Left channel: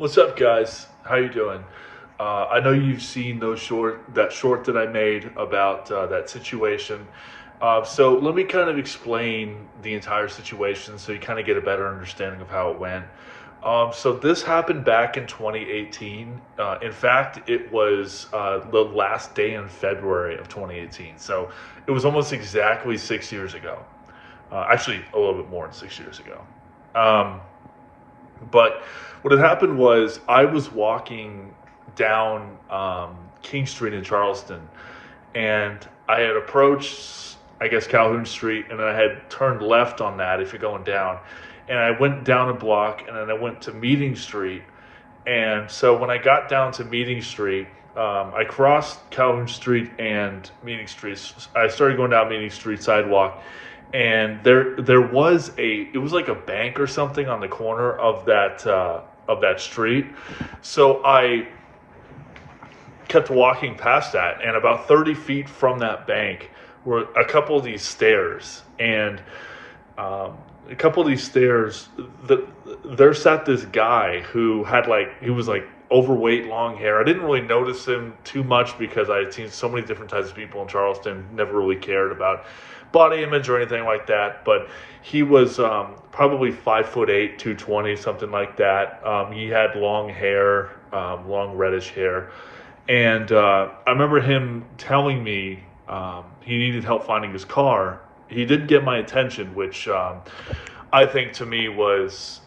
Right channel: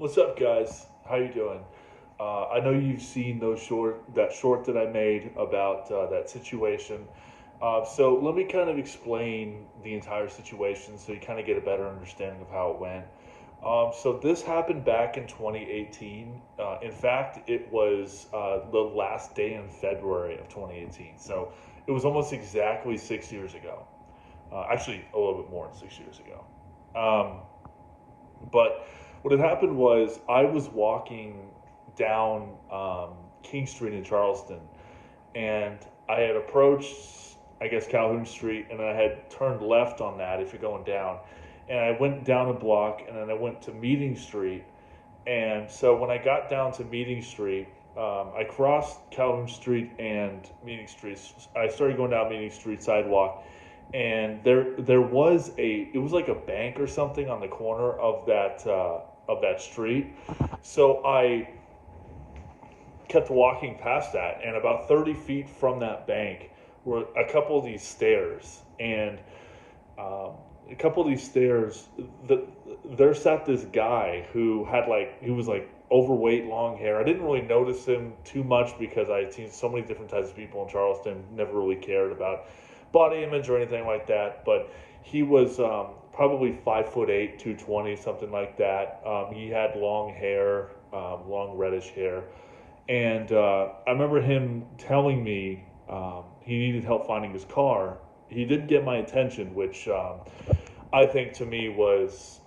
What's up, guys? How you doing? I know you've seen that short that I made about that situation. So let me kind of explain the entire situation so you kind of get a better understanding of how it went. So this happened back in 2018. In fact, it was the last day in February of 2018. So it was almost exactly 6 years ago. Actually, a little bit more than 6 years ago. Um, but what had happened was I was walking down King Street in Charleston, and I had approached, I guess, Calhoun Street, and I had turned left on that if you're going down. And I went down a block, and then I went to Meeting Street. And so when I got down to Meeting Street, I crossed Calhoun Street and Meeting Street. I started going down Meeting Street sidewalk, and there was it was like a bank or something on the corner of that street. So I kept walking past that, and about 30 feet from that bank were a couple of these stairs, and um, a couple of these stairs, there sat this guy who had he was like overweight, long hair. I didn't really notice him too much because I had seen so many different types of people in Charleston, never really cared about body image or anything like that. But he was probably 5'8", 220, something like that. He had long hair, long reddish hair. And I remember him telling me he needed help finding his car. He did get my attention, which I think to me was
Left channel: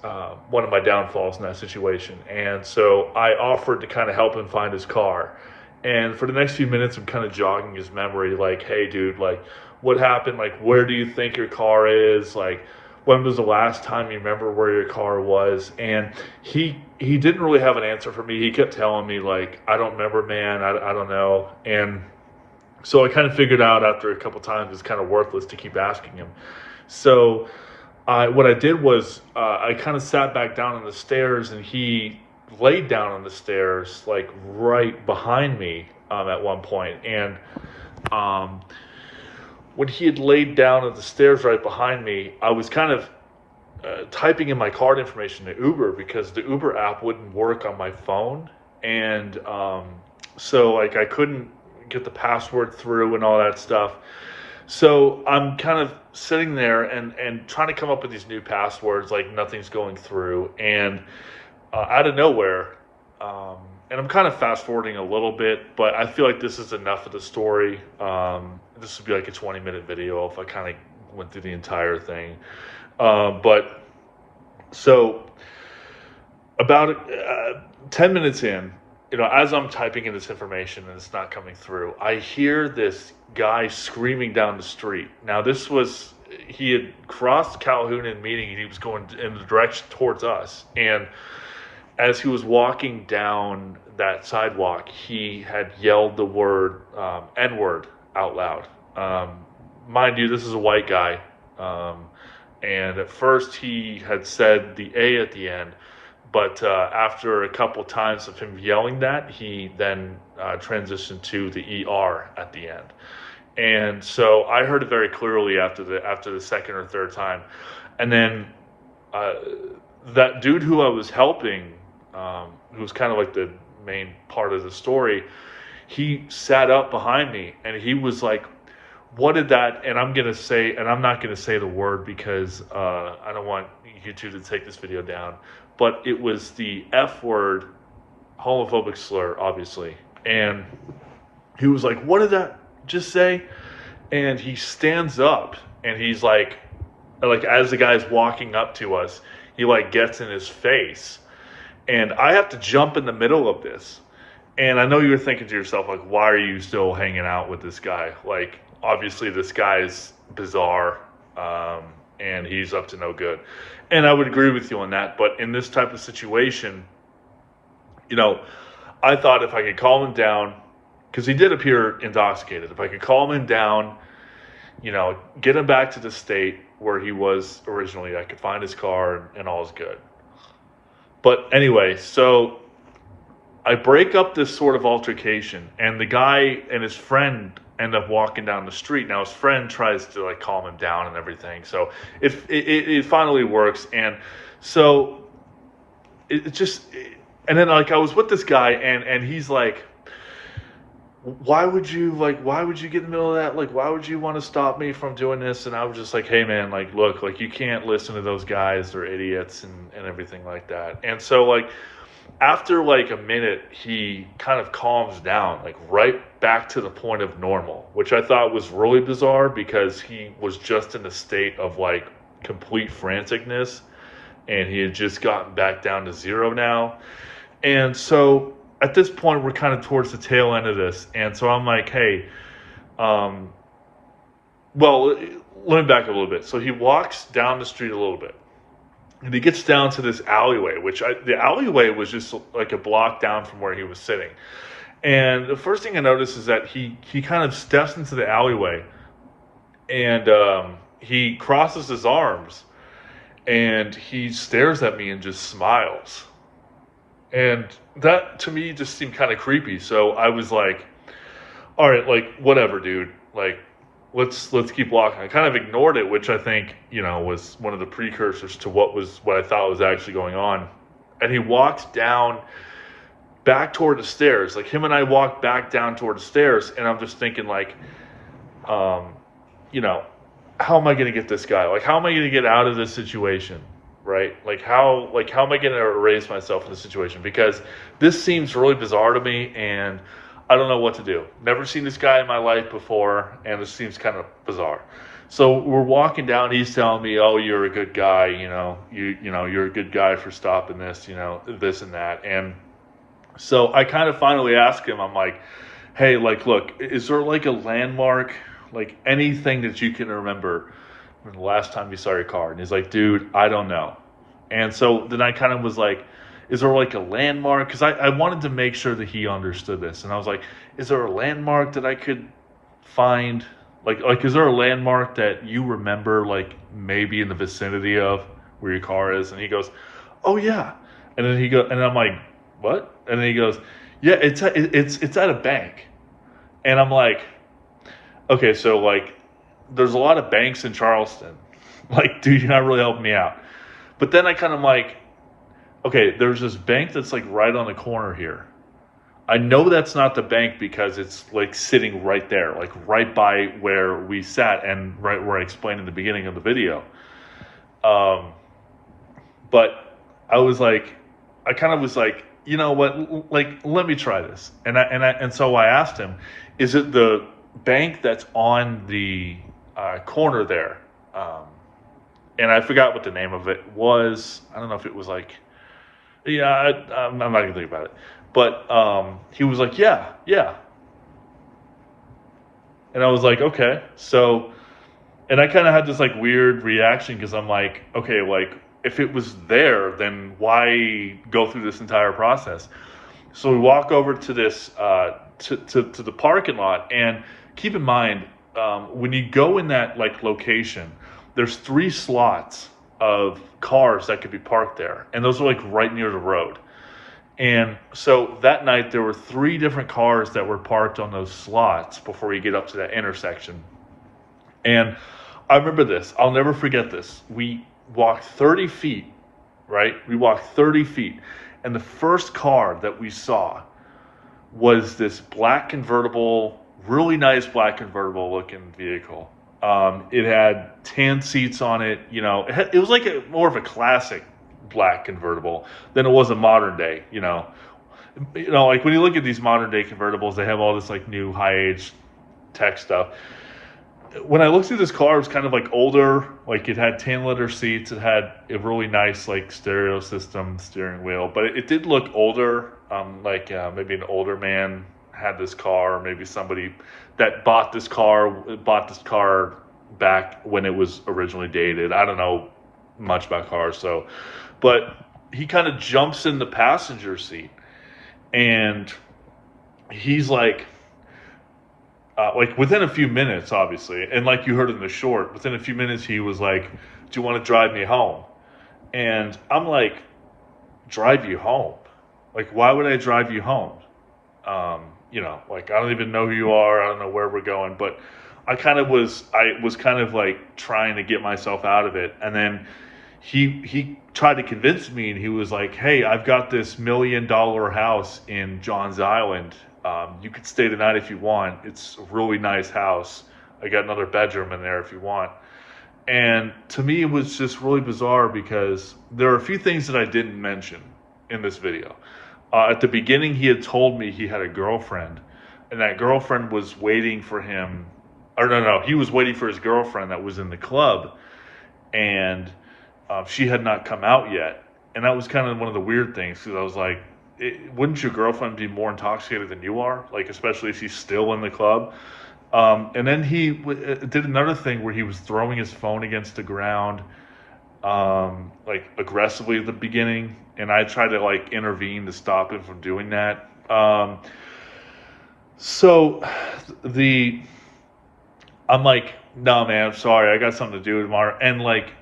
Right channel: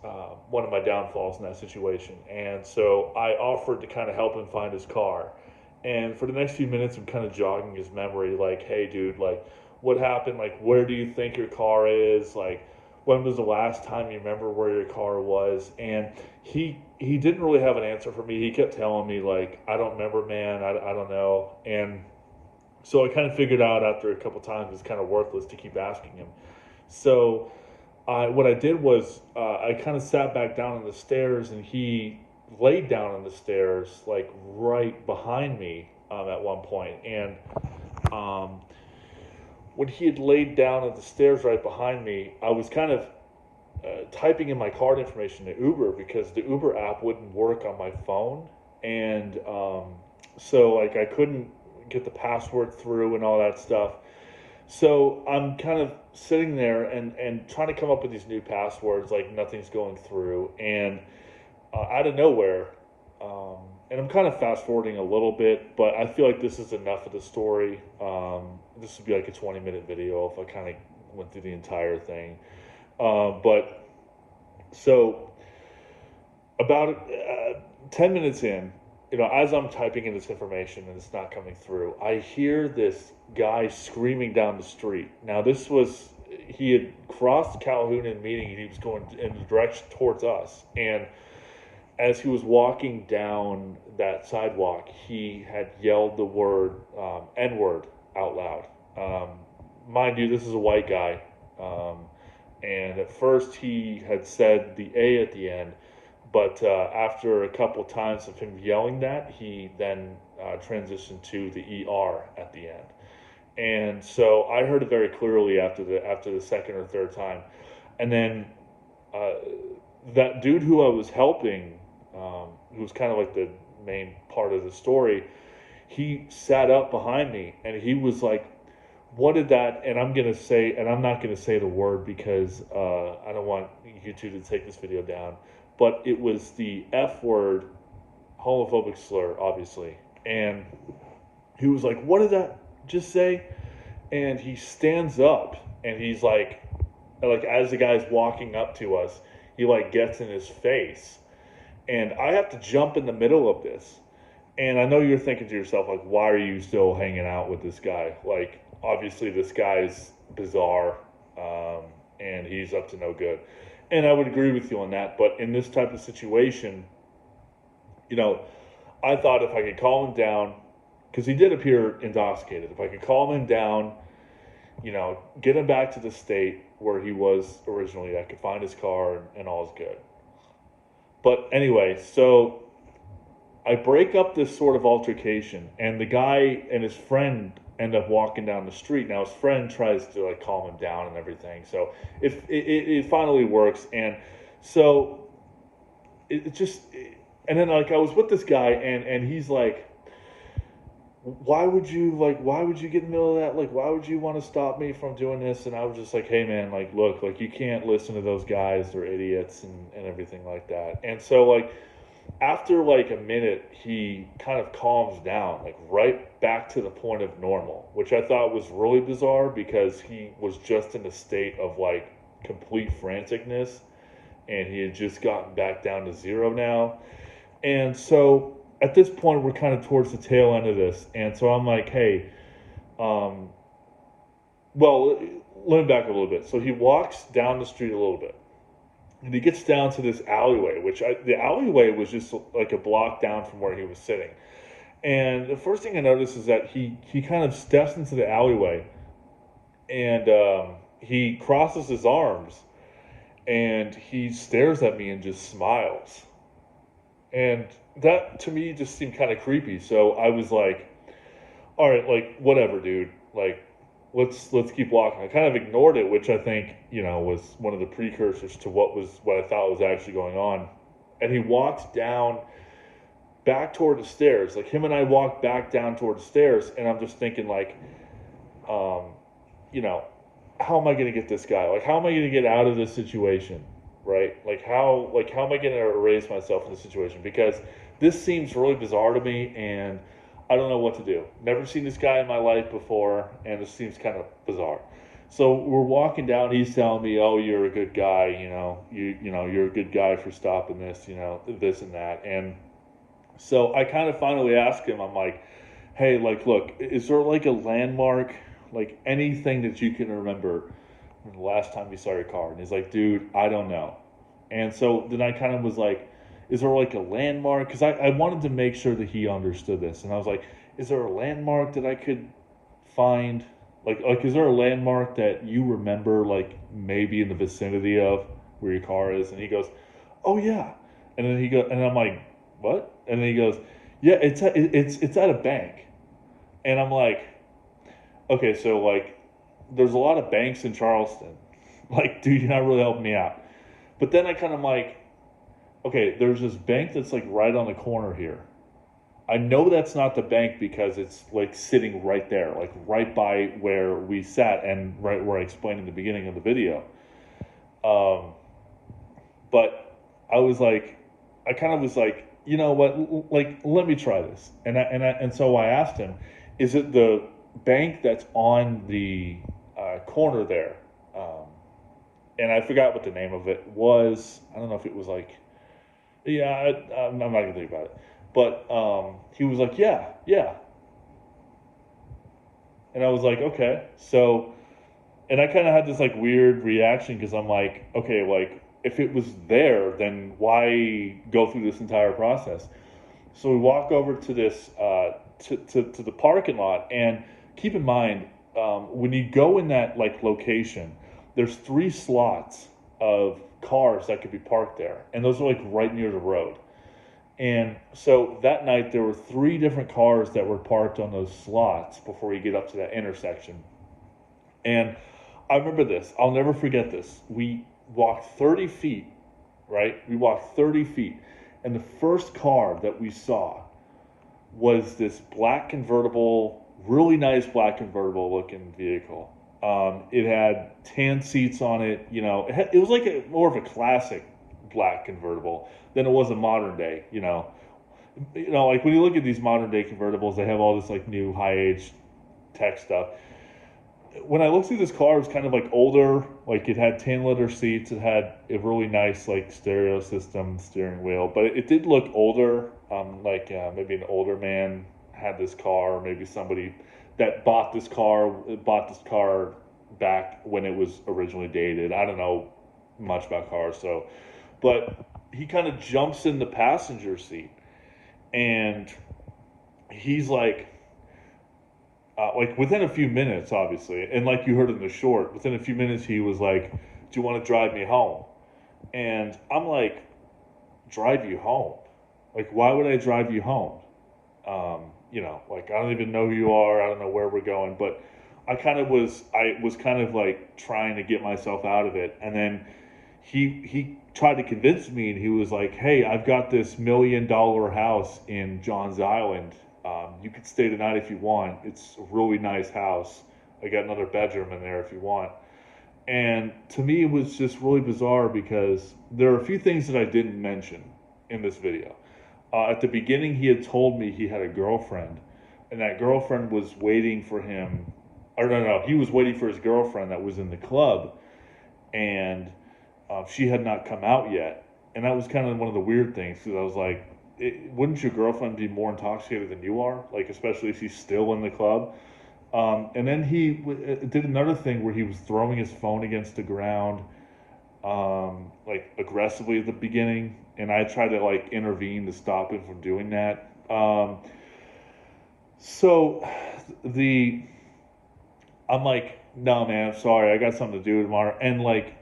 one of my downfalls in that situation. And so I offered to kind of help him find his car. And for the next few minutes, I'm kind of jogging his memory, like, hey, dude, like, what happened? Like, where do you think your car is? Like, when was the last time you remember where your car was? And he didn't really have an answer for me. He kept telling me, like, I don't remember, man. I don't know. And so I kind of figured out after a couple times it's kind of worthless to keep asking him. So what I did was I kind of sat back down on the stairs, and he laid down on the stairs, like right behind me at one point. And um, when he had laid down at the stairs right behind me, I was kind of typing in my card information to Uber because the Uber app wouldn't work on my phone. And so like I couldn't get the password through and all that stuff. So I'm kind of sitting there and trying to come up with these new passwords, like nothing's going through. And out of nowhere, um, and I'm kind of fast forwarding a little bit, but I feel like this is enough of the story. This would be like a 20-minute video if I kind of went through the entire thing. But so about 10 minutes in, as I'm typing in this information and it's not coming through, I hear this guy screaming down the street. Now, he had crossed Calhoun and Meeting, and he was going in the direction towards us. And as he was walking down that sidewalk, he had yelled the word N-word out loud. Mind you, this is a white guy. And at first he had said the A at the end, but after a couple times of him yelling that, he then transitioned to the ER at the end. And so I heard it very clearly after the second or third time. And then that dude who I was helping, who was kind of like the main part of the story, he sat up behind me and he was like, what did that, and I'm not going to say the word because I don't want YouTube to take this video down, but it was the F word, homophobic slur, obviously. And he was like, what did that just say? And he stands up and he's like as the guy's walking up to us, he like gets in his face. And I have to jump in the middle of this. And I know you're thinking to yourself, like, why are you still hanging out with this guy? Like, obviously this guy's bizarre, and he's up to no good. And I would agree with you on that. But in this type of situation, I thought if I could calm him down, because he did appear intoxicated, if I could calm him down, get him back to the state where he was originally, I could find his car and all is good. But anyway, so I break up this sort of altercation, and the guy and his friend end up walking down the street. Now his friend tries to like calm him down and everything. So it finally works. And so it just And then like I was with this guy, and he's like, why would you get in the middle of that? Like, why would you want to stop me from doing this? And I was just like, hey man, like, look, like you can't listen to those guys, they're idiots and everything like that. And so like after like a minute, he kind of calms down, like right back to the point of normal, which I thought was really bizarre because he was just in a state of like complete franticness, and he had just gotten back down to zero now. And so at this point, we're kind of towards the tail end of this. And so I'm like, hey, um, well, let me back up a little bit. So he walks down the street a little bit, and he gets down to this alleyway, the alleyway was just like a block down from where he was sitting. And the first thing I noticed is that he kind of steps into the alleyway, and he crosses his arms, and he stares at me and just smiles. And that to me just seemed kind of creepy. So I was like, all right, like whatever, dude. Like let's keep walking. I kind of ignored it, which I think, was one of the precursors to what I thought was actually going on. And he walked down back toward the stairs. Like him and I walked back down toward the stairs, and I'm just thinking like, um, you know, how am I going to get this guy? Like how am I going to get out of this situation? Right? How am I going to erase myself in this situation? Because this seems really bizarre to me, and I don't know what to do. Never seen this guy in my life before, and this seems kind of bizarre. So we're walking down. He's telling me, "Oh, you're a good guy. You're a good guy for stopping this. This and that." And so I kind of finally ask him. I'm like, "Hey, like, look, is there like a landmark, like anything that you can remember from the last time you saw your car?" And he's like, "Dude, I don't know." And so then I kind of was like, is there like a landmark? Because I wanted to make sure that he understood this. And I was like, is there a landmark that I could find? Like, is there a landmark that you remember, like maybe in the vicinity of where your car is? And he goes, oh yeah. And then and I'm like, what? And then he goes, yeah, it's at a bank. And I'm like, okay, so like, there's a lot of banks in Charleston. Like, dude, you're not really helping me out. But then I kind of like, okay, there's this bank that's like right on the corner here. I know that's not the bank because it's like sitting right there, like right by where we sat and right where I explained in the beginning of the video. Um, but I kind of was like, you know what, like let me try this. And so I asked him, is it the bank that's on the corner there? And I forgot what the name of it was. I don't know if it was like, yeah, I'm not gonna think about it. But he was like, yeah, yeah. And I was like, okay. So, and I kind of had this like weird reaction because I'm like, okay, like if it was there, then why go through this entire process? So we walk over to this to the parking lot, and keep in mind when you go in that like location, there's 3 slots of cars that could be parked there, and those are like right near the road. And so that night there were 3 different cars that were parked on those slots before you get up to that intersection. And I remember this. I'll never forget this. We walked 30 feet, right? We walked 30 feet. And the first car that we saw was this black convertible, really nice black convertible looking vehicle. It had tan seats on it. It was like more of a classic black convertible than it was a modern day. Like when you look at these modern day convertibles, they have all this like new high age tech stuff. When I looked through this car, it was kind of like older. Like it had tan leather seats. It had a really nice like stereo system, steering wheel, but it did look older. Maybe an older man had this car, or maybe somebody that bought this car back when it was originally dated. I don't know much about cars, but he kind of jumps in the passenger seat, and he's like within a few minutes, obviously, and like you heard in the short, within a few minutes, he was like, "Do you want to drive me home?" And I'm like, "Drive you home? Like, why would I drive you home? Like I don't even know who you are. I don't know where we're going." But I was kind of like trying to get myself out of it, and then he tried to convince me, and he was like, "Hey, I've got this $1 million house in Johns Island. You could stay the night if you want. It's a really nice house. I got another bedroom in there if you want." And to me, it was just really bizarre because there are a few things that I didn't mention in this video. At the beginning, he had told me he had a girlfriend, and that girlfriend was waiting for him. Or no, he was waiting for his girlfriend that was in the club, and she had not come out yet. And that was kind of one of the weird things, because I was like, wouldn't your girlfriend be more intoxicated than you are? Like, especially if she's still in the club. And then he did another thing where he was throwing his phone against the ground, like aggressively at the beginning. And I tried to like intervene to stop him from doing that. So I'm like, no, man, I'm sorry. I got something to do tomorrow. And like,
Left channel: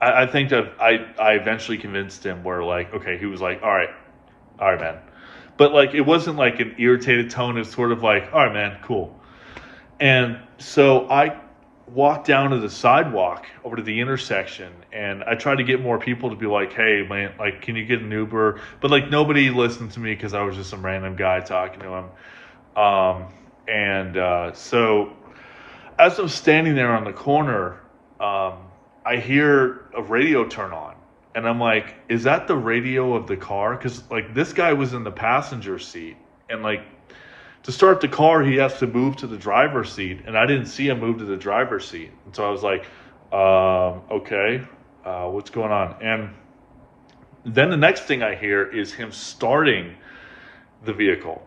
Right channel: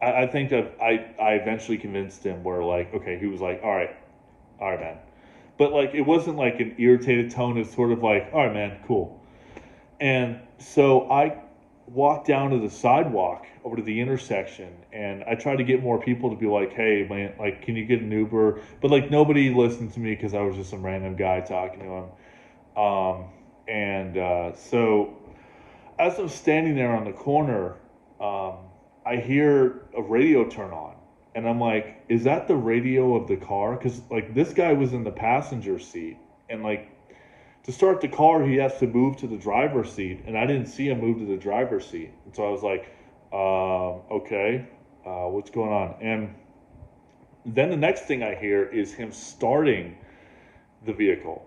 I think that I eventually convinced him where like, okay, he was like, all right, man. But like, it wasn't like an irritated tone. It's sort of like, all right, man, cool. And so I walked down to the sidewalk over to the intersection, and I tried to get more people to be like, hey, man, like, can you get an Uber? But like, nobody listened to me because I was just some random guy talking to him. So as I'm standing there on the corner, I hear a radio turn on. And I'm like, is that the radio of the car? Because like, this guy was in the passenger seat, and like, to start the car, he has to move to the driver's seat, and I didn't see him move to the driver's seat. And so I was like, okay, what's going on? And then the next thing I hear is him starting the vehicle.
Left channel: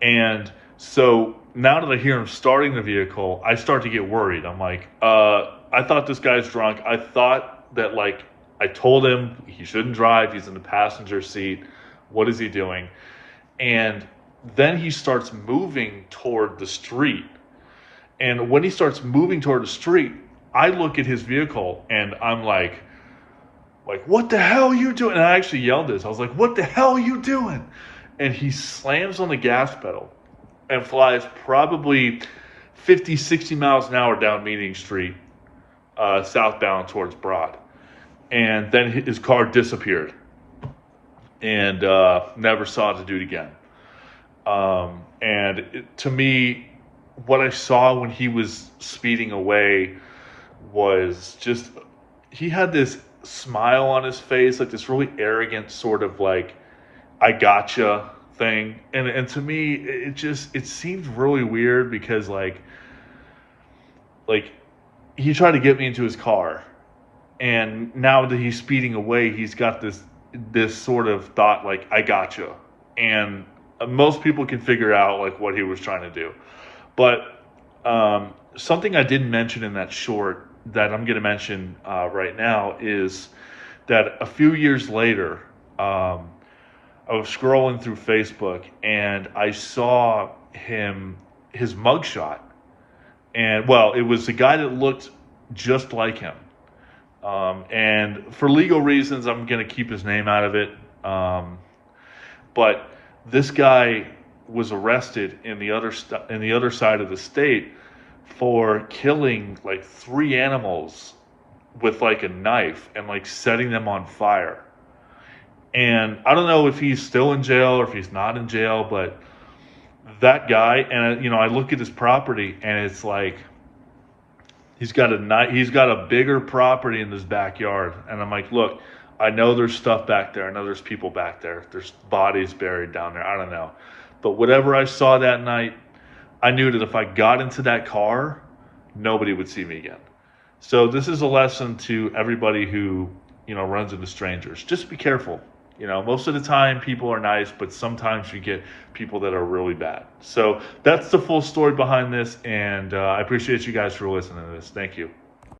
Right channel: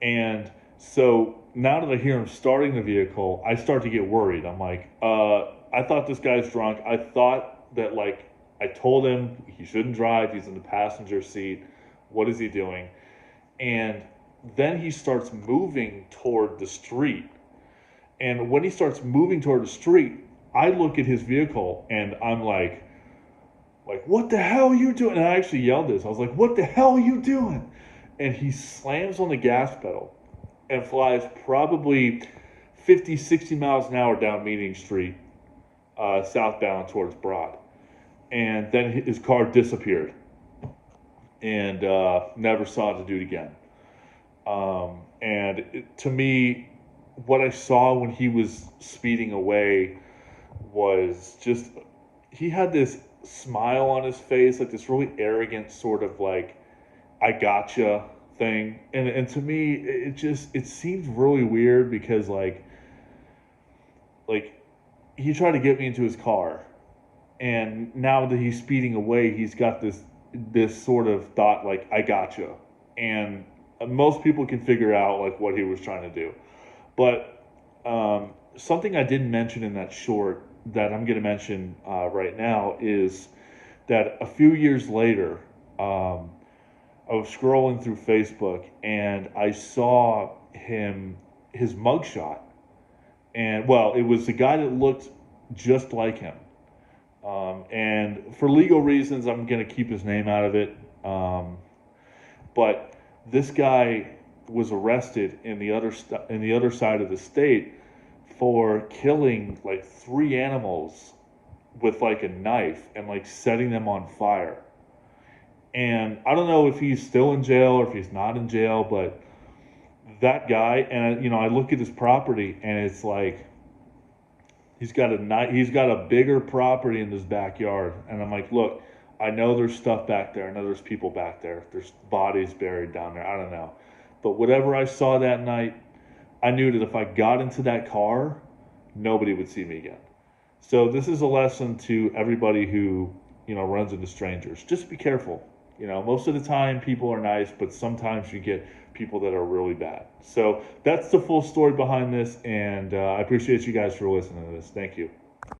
And so now that I hear him starting the vehicle, I start to get worried. I'm like, I thought this guy's drunk. I thought that, like, I told him he shouldn't drive. He's in the passenger seat. What is he doing? And then he starts moving toward the street. And when he starts moving toward the street, I look at his vehicle and I'm like, what the hell are you doing? And I actually yelled this. I was like, what the hell are you doing? And he slams on the gas pedal and flies probably 50, 60 miles an hour down Meeting Street, southbound towards Broad. And then his car disappeared and never saw the dude again. To me, what I saw when he was speeding away was just, he had this smile on his face, like this really arrogant sort of like, I gotcha thing. And to me, it seemed really weird because like he tried to get me into his car. And now that he's speeding away, he's got this sort of thought like, I gotcha. And most people can figure out like what he was trying to do. But something I didn't mention in that short that I'm going to mention right now is that a few years later, I was scrolling through Facebook and I saw his mugshot. And well, it was a guy that looked just like him. And for legal reasons, I'm going to keep his name out of it. But this guy was arrested in the other side of the state for killing like 3 animals with like a knife and like setting them on fire. And I don't know if he's still in jail or if he's not in jail, but that guy, and I look at his property and it's like he's got a bigger property in his backyard, and I'm like, look, I know there's stuff back there. I know there's people back there. There's bodies buried down there. I don't know. But whatever I saw that night, I knew that if I got into that car, nobody would see me again. So this is a lesson to everybody who, runs into strangers. Just be careful. Most of the time people are nice, but sometimes you get people that are really bad. So that's the full story behind this, and I appreciate you guys for listening to this. Thank you.